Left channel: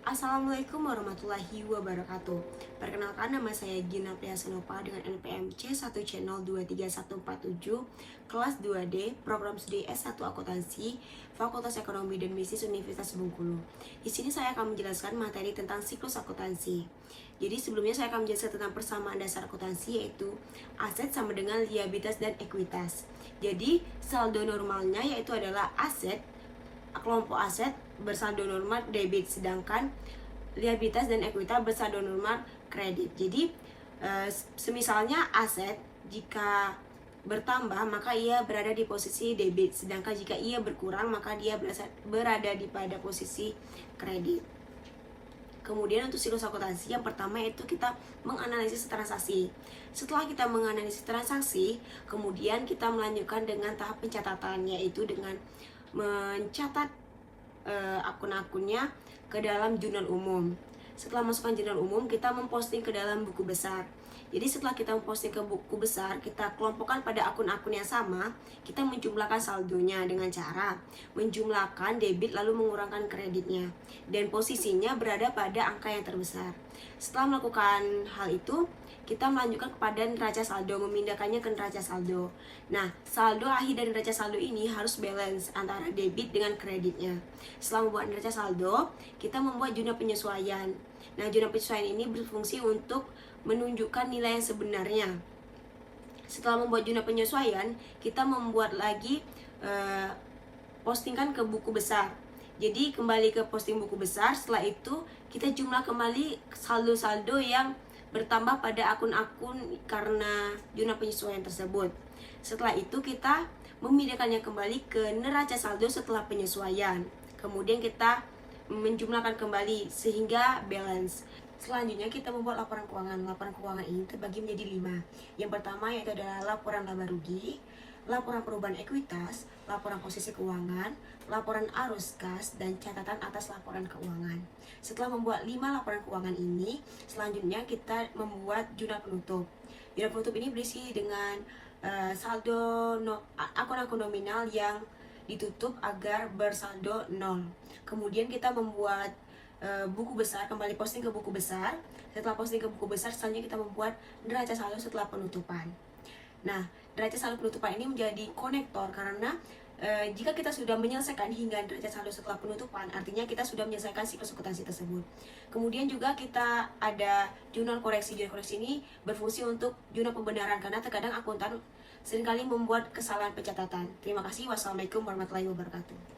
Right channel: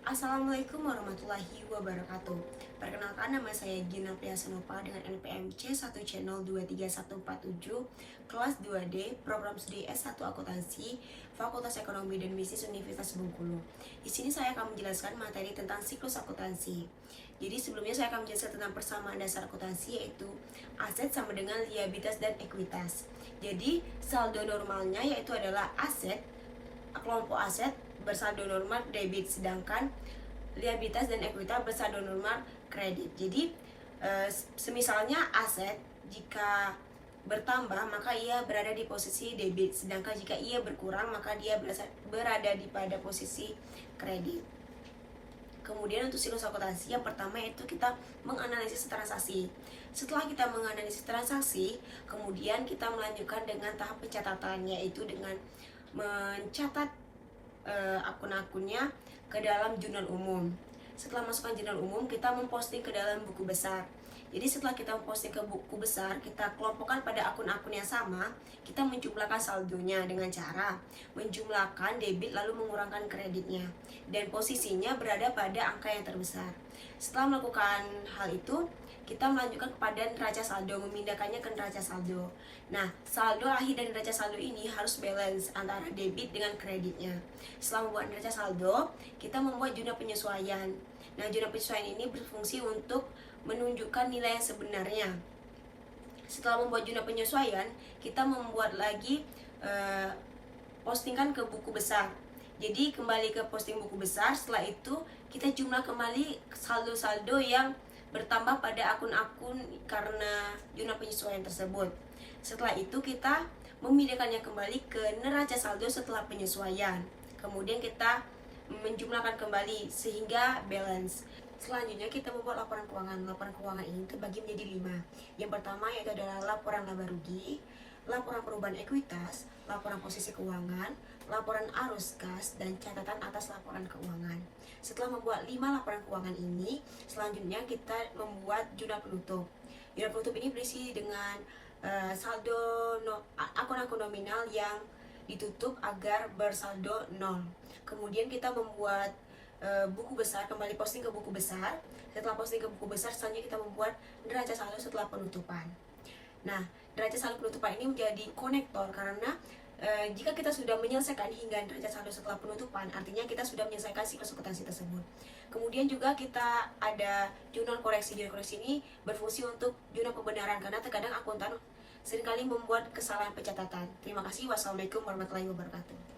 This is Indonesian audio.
Assalamualaikum warahmatullahi wabarakatuh. Perkenalkan, nama saya Gina Priyasenopa dengan NPM C1 Channel 23147, kelas 2D, program studi S1 Akuntansi, Fakultas Ekonomi dan Bisnis Universitas Bengkulu. Di sini saya akan menjelaskan materi tentang siklus akuntansi. Jadi sebelumnya saya akan menjelaskan tentang persamaan dasar akuntansi, yaitu aset sama dengan liabilitas dan ekuitas. Jadi saldo normalnya yaitu adalah aset, kelompok aset bersaldo normal debit, sedangkan liabilitas dan ekuitas bersaldo normal kredit. Jadi semisalnya aset jika bertambah maka ia berada di posisi debit, sedangkan jika ia berkurang maka dia berada di pada posisi kredit. Kemudian untuk siklus akuntansi, yang pertama yaitu kita menganalisis transaksi. Setelah kita menganalisis transaksi, kemudian kita melanjutkan dengan tahap pencatatan, yaitu dengan mencatat akun-akunnya ke dalam jurnal umum. Setelah masukkan jurnal umum, kita memposting ke dalam buku besar. Jadi setelah kita memposting ke buku besar, kita kelompokkan pada akun-akun yang sama. Kita menjumlahkan saldonya dengan cara menjumlahkan debit lalu mengurangkan kreditnya, dan posisinya berada pada angka yang terbesar. Setelah melakukan hal itu, kita melanjutkan kepada neraca saldo, memindahkannya ke neraca saldo. Nah, saldo akhir dari neraca saldo ini harus balance antara debit dengan kreditnya. Setelah membuat neraca saldo, kita membuat jurnal penyesuaian. Nah, jurnal penyesuaian ini berfungsi untuk menunjukkan nilai yang sebenarnya. Setelah membuat jurnal penyesuaian, kita membuat lagi postingkan ke buku besar. Jadi kembali ke posting buku besar. Setelah itu kita jumlah kembali saldo-saldo yang bertambah pada akun-akun karena jurnal penyesuaian tersebut. Setelah itu kita memindahkannya kembali ke neraca saldo setelah penyesuaian. Kemudian kita menjumlahkan kembali sehingga balance. Selanjutnya kita membuat laporan keuangan. Laporan keuangan ini terbagi menjadi 5. Yang pertama yaitu adalah laporan laba rugi, laporan perubahan ekuitas, laporan posisi keuangan, laporan arus kas, dan catatan atas laporan keuangan. Setelah membuat 5 laporan keuangan ini, selanjutnya kita membuat jurnal penutup. Jurnal penutup ini berisi dengan saldo akun-akun nominal yang ditutup agar bersaldo 0. Kemudian kita membuat buku besar, kembali posting ke buku besar. Setelah posting ke buku besar, selanjutnya kita membuat neraca saldo setelah penutupan. Nah, neraca saldo penutupan ini menjadi konektor karena jika kita sudah menyelesaikan hingga neraca saldo setelah penutupan, artinya kita sudah menyelesaikan siklus akuntansi tersebut. Kemudian juga kita ada jurnal koreksi. Jurnal koreksi ini berfungsi untuk jurnal pembenaran karena terkadang akuntan seringkali membuat kesalahan pencatatan. Terima kasih. Wassalamualaikum warahmatullahi wabarakatuh.